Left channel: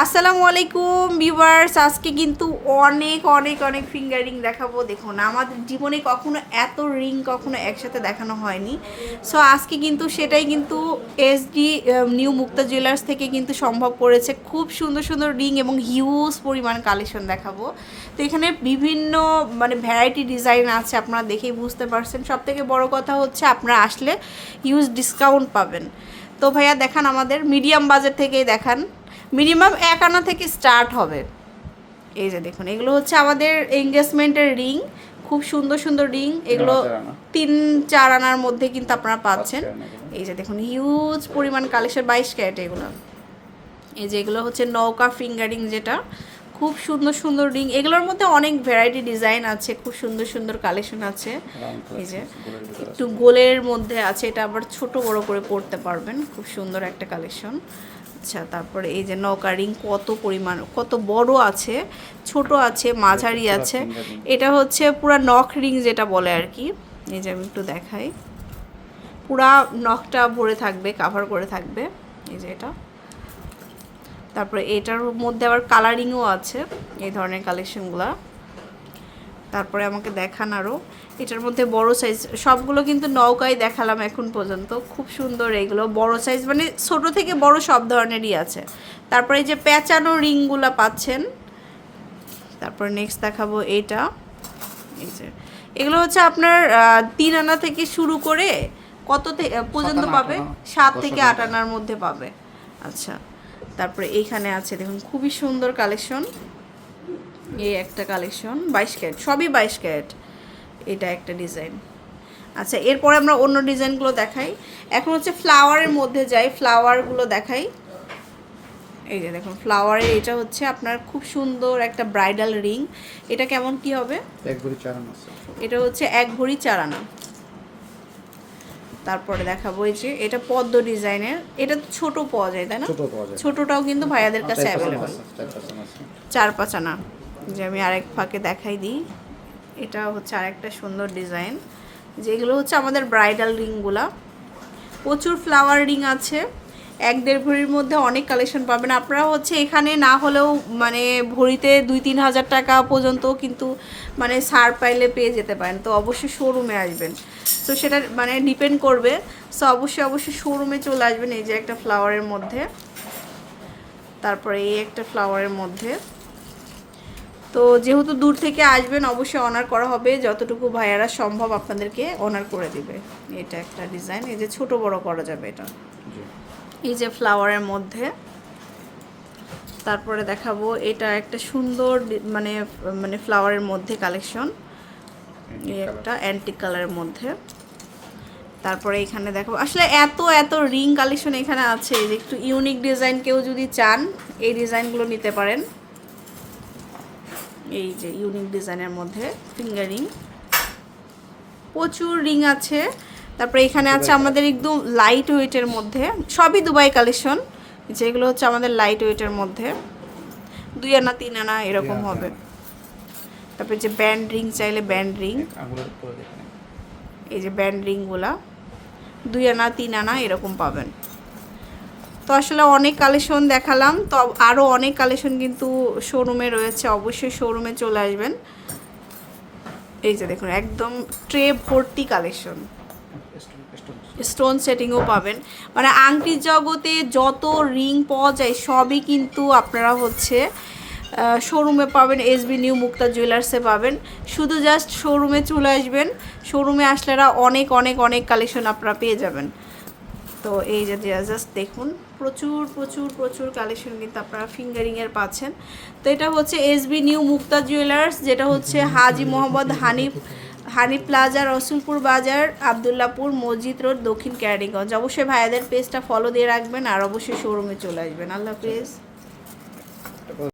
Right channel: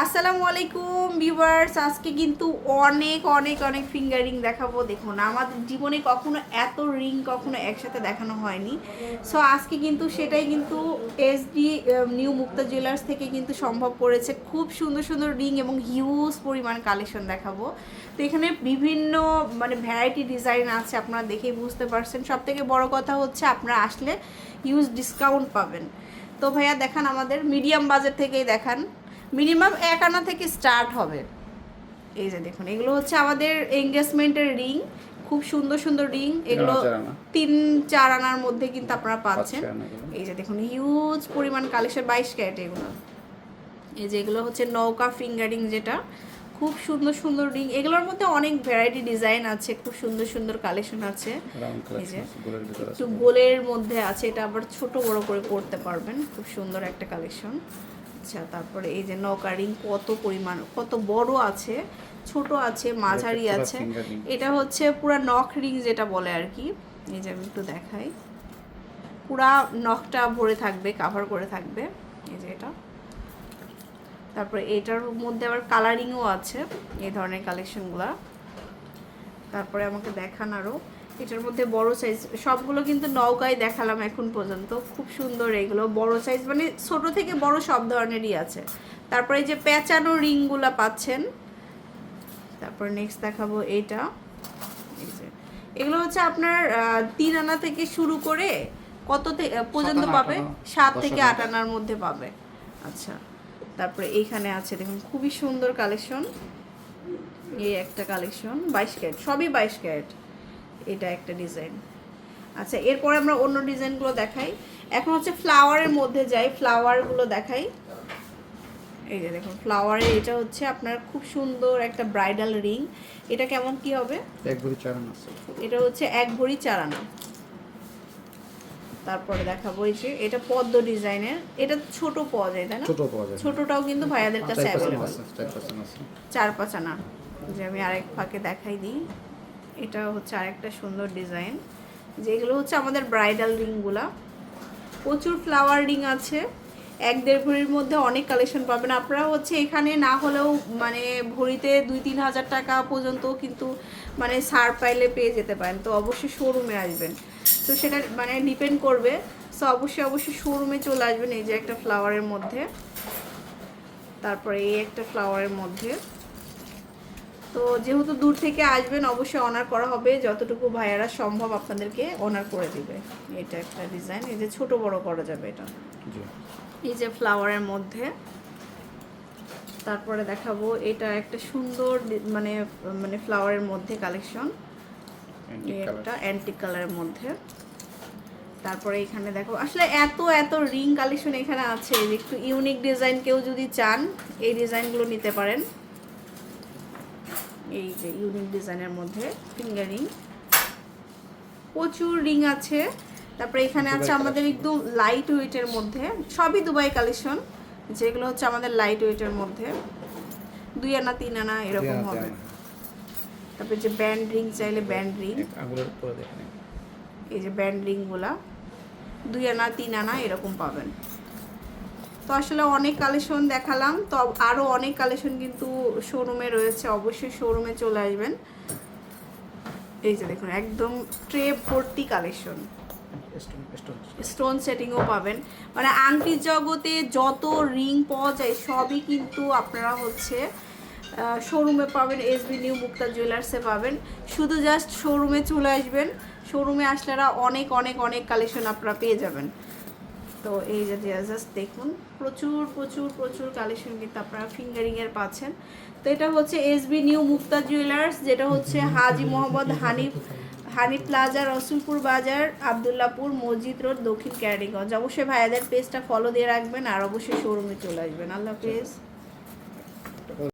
আসসালামু আলাইকুম ভিউয়ার্স, আজকে কিন্তু অনেক অনেক অনেক ফিঙ্গার রিং দেখাবো। দেখুন, আমাদের জীবনে কখনো এত রিং কখনো একসাথে দেখানো হয়নি। সো আজকে কিন্তু সেটাই কিন্তু এসডি নিউ মুক্তা জুয়েলার্স থেকে কিন্তু সম্ভব করেছে খুব সুন্দর সুন্দর রিং এবং হিউজ পরিমাণ কালেকশন দেখাবো। তো এখানে বিভিন্ন মানে ভ্যারাইটি ডিজাইন আছে, আপনারা দেখেই বুঝতে পারছেন। সব থেকে বড় কথা হচ্ছে, আপনারা আসলে হিউজ ডিসকাউন্ট পাবেন। তো ভাইয়া, দেখান আমাদের মিডিয়াম বাজেট থেকেই দেখান। মিনিমাম এক আনা থেকে স্টার্ট হবে। এই যে দেখুন এগুলো হচ্ছে আমাদের এঙ্গেজমেন্টের রিং। খুব সুন্দর সুন্দর রিং। এগুলো তিন চার আনার মধ্যে কিন্তু আপনারা পাচ্ছেন। এই যে দেখুন হিউজ পরিমাণ কালেকশন বাইশ ক্যারেট এগুলো। এই যে এগুলো হচ্ছে নৌকা ফিঙ্গারিং যেটা। খুব সুন্দর সুন্দর রিং। এগুলোর মধ্যে অনেক ভ্যারাইটি ডিজাইন আছে খুব সুন্দর সুন্দর কালেকশন আছে। এই যে একটু গোলের মধ্যে আছে এটা আবার ছোট বড় করে পড়তে পারবেন। খুব সুন্দর একটা কালেকশন আচ্ছা তারপরে এই যে নৌকা রিং কত পরিমাণ কত বড় আছে ছোট আছে মাঝারি আছে এটা হচ্ছে পুরা নখ রিং যেটা বলে আর কি। এই যে আমি একটু দেখাই। পুরা নখটা ভরে থাকবে কাভার করে থাকবে এই যে এটা। তারপরে এটার মধ্যে আবার কালারিংও আছে এই ধরনের কালেকশনগুলো তারপরে আমাকে দেখান আরও এটার মধ্যে বড় সাইজ সবগুলো কিন্তু নৌকায় দেখালাম এখন পর্যন্ত। খুব সুন্দর এগুলো বড় সাইজ মানে ছোট থেকে বড় সব ধরনেরই আছে। তারপরে এই যে পেঁচানো রিংগুলো পাচ্ছেন তারপর নেক্সট দেখাবো এইটা এই যে এগুলো হচ্ছে আপনার তিন আনা থেকে শুরু করে কত থেকে পর্যন্ত পাবে? সাত থেকে আট আনার মধ্যে পাবে। আচ্ছা তারপরে এইখানে আছে দেখুন খুবই সুন্দর কালেকশন এই একটা কালেকশন বাইশ ক্যারেট সবই বাইশ ক্যারেট। এটা একটা ডিজাইন আচ্ছা এরপরে আমরা অন্য ডিজাইনগুলো দেখাই। এখন হচ্ছে ফ্লাওয়ারের মধ্যে যাই ফ্লাওয়ারগুলো দেখাই। এই যে দেখুন ফ্লাওয়ারের এটা হচ্ছে আপনার খুব সুন্দর একটা ব্রাইডাল রিং এটা কেমন কি হবে? এক ভরি চার আনা এটা হচ্ছে এক ভরি চার আনা তারপরে দেখাবো এই যে এটা পদ্ম ডিজাইনের এটা ছোট পাওয়া যায় তাই না? ছোট পাওয়া যায়। ছোটটাও কিন্তু ভাইয়াদের কাছে অ্যাভেলেবল। চার পাঁচ আনা। যে আমি আরেক ফাঁকে দেখাই দিই। এটা হচ্ছে আরেকটা সুন্দর ডিজাইন, যেগুলো হচ্ছে আমাদের ব্রাইডাল রিংগুলা প্রচুর ফ্লাওয়ার রিং আছে, এক দেড় ভরির মধ্যে অনেক কালেকশন পাবেন। আপনারা হচ্ছে এখানে না হলেও মানে ভরিতে দুই তিন হাজার টাকা পর্যন্ত কিন্তু মানে সার পাইলে পেয়ে যেতে পারেন। তো অবশ্যই শোরুমে আসবেন। তো সেটা মানে ডিপেন্ড করবে। সো অবশ্যই অবশ্যই শোরুমে চলে আসবেন এই যে একটা ফ্লাওয়ারের মধ্যে। তারপরে এই একটা ফ্লাওয়ারের মধ্যে। তো যেহেতু দূর থেকে আসবেন অবশ্যই অনার করা হবে। যতটুকু ভাইয়ারা সম্ভব আপনাদেরকে অনার করে দিবে। এটা একটা ডিজাইন এই যে ছোট বড় করা যাবে এটা। এই যে ফ্লাওয়ারের মধ্যে। তারপরে দেখাবো এটা একটা সুন্দর মানে মানে ফ্লাওয়ারের মধ্যে কালেকশন এই একটা অ্যান্টিক কালারের মধ্যে। তারপরে এখানে দেখো আসলে এত এত রিং কালেকশন এখানে আছে এই যে একটু ইউনিক ডিজাইন কেউ যদি চান এই ডিজাইনগুলো নিতে পারেন। এই যে ইউনিক ডিজাইনের মধ্যে ফিঙ্গার প্রচুর রিং আছে। তারপরে এখানে আছে আমাদের একদম লাইট ওয়েটের মধ্যে। সবই দুবাই কালেকশন যেগুলো হচ্ছে আমাদের লাইট ওয়েটের মধ্যে। দুই আনা তিন আনা এরকম হবে। তারপরে যে ব্যান্ড রিং চাইলে ব্যান্ড রিং এই যে ব্যান্ড রিংগুলা দুই আনা তিন আনা এরকম পাবেন। তো আসলে অনেক কালেকশন দেখালাম। তো আরও অনেক কালেকশন কিন্তু শোরুমে রয়েছে। অবশ্যই শোরুমে চলে আসবেন। এই যে দেখুন, একদম ট্রে ভর্তি কালেকশন। স্টোন সেটিংও পাবেন। মানে আংটির জগতে যত রিং পাওয়া যায়, সবই কিন্তু আপনারা হচ্ছে শোরুমে পাবেন। এসবি নিউ মুক্তা জুয়েলার্সে পাবেন। শুধু জাস্ট শোরুমে চলে আসবেন। শোরুমে আসলেরা অনেক অনেক অনেক কালেকশন আপনারা পেয়ে যাবেন। তো এই যে জাস্ট দেখুন প্রচুর প্রচুর প্রচুর কালেকশন কিন্তু আপনারা ফিঙ্গারিংয়ের পাচ্ছেন। তো এটা হচ্ছে S B new Mukta jewellers যেটা হচ্ছে হাজি মোহাম্মদ হানিফ হানি প্লাজা রসুলপুর বাজার আবদুল্লাপুর মসজিদ রোড দক্ষিণ ক্যারিগঞ্জ অবশ্যই ভাইয়াদের পেজটা ফলো দিয়ে রাখবেন আর অবশ্যই শোরুমে চলে আসবেন। আল্লাহ হাফেজ।